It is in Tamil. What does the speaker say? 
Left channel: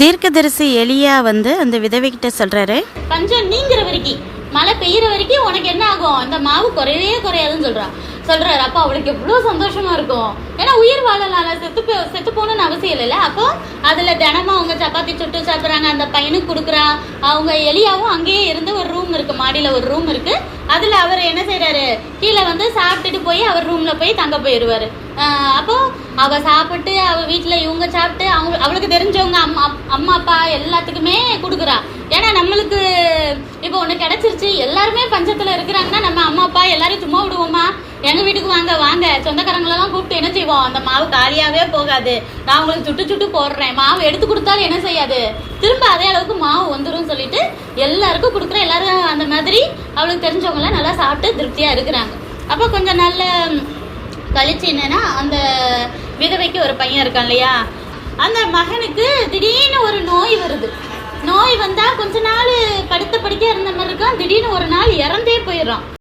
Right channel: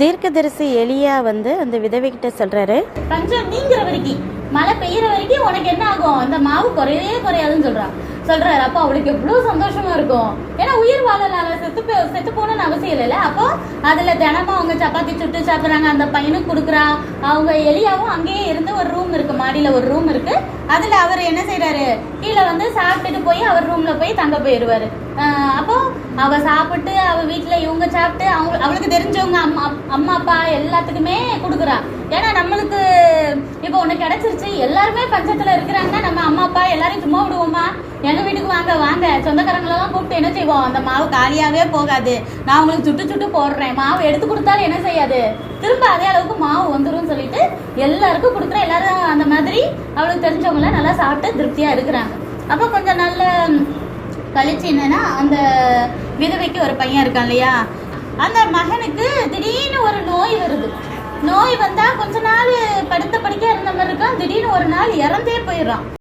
தீர்க்கதரிசி எலியா வந்து அந்த விதவைகிட்ட சொல்கிறாரு பஞ்சம் நீங்கிற வரைக்கும் மழை பெய்யுற வரைக்கும் உனக்கு என்ன ஆகும்? அந்த மாவு குறையவே குறையாதுன்னு சொல்றான். சொல்றாரு அப்போ அவளுக்கு எவ்வளவு சந்தோஷமா இருக்கும். ஏன்னா உயிர் வாழலால செத்து போ செத்து போகணும்னு அவசியம் இல்லைல்ல. அப்போ அதுல தினமும் அவங்க சப்பாத்தி சுட்டு சாப்பிட்றாங்க. அந்த பையனுக்கு கொடுக்குறா. அவங்க எலியாவும் அங்கேயே இருந்து ஒரு ரூம் இருக்கு மாடியில ஒரு ரூம் இருக்கு. அதுல அவர் என்ன செய்கிறாரு கீழே வந்து சாப்பிட்டுட்டு போய் அவர் ரூம்ல போய் தங்க போயிடுவாரு. அப்போ அவ சாப்பிட்டு அவ வீட்டுல இவங்க சாப்பிட்டு அவங்க அவளுக்கு தெரிஞ்சவங்க அம்மா அம்மா அப்பா எல்லாத்துக்குமே கொடுக்குறா. ஏன்னா நம்மளுக்கு இப்போ ஒண்ணு கிடைச்சிருச்சு எல்லாருமே பஞ்சத்துல இருக்கிறாங்கன்னா நம்ம அம்மா அப்பா எல்லாரையும் சும்மா விடுவோமா? எங்க வீட்டுக்கு வாங்க வாங்க. சொந்தக்காரங்களெல்லாம் கூப்பிட்டு என்ன செய்வோம்? அந்த மாவு காலியாவே போகாது. நான் உங்களுக்கு சுட்டு சுட்டு போடுறேன். மாவு எடுத்து கொடுத்தாலும் என்ன செய்யாது? திரும்ப அதே அளவுக்கு மாவு வந்துடும் சொல்லிட்டு எல்லாருக்கும் கொடுக்குற எல்லாரும் அந்த மாதிரி அவளுக்கு தெரிஞ்சவங்க நல்லா சாப்பிட்டு திருப்தியா இருக்கிறாங்க. அப்போ கொஞ்சம் நல்ல கழிச்சு என்னன்னா அந்த விதவைக்கு ஒரு பையன் இருக்கான் இல்லையா? அந்த மகனுக்கு திடீர்னு ஒரு நோய் வருது. நோய் வந்தா கொஞ்ச நாள் படுத்த படிக்க இருந்த மாதிரி இருக்கான் திடீர்னு ஒரு நாள் இறந்தே போயிடுறான்.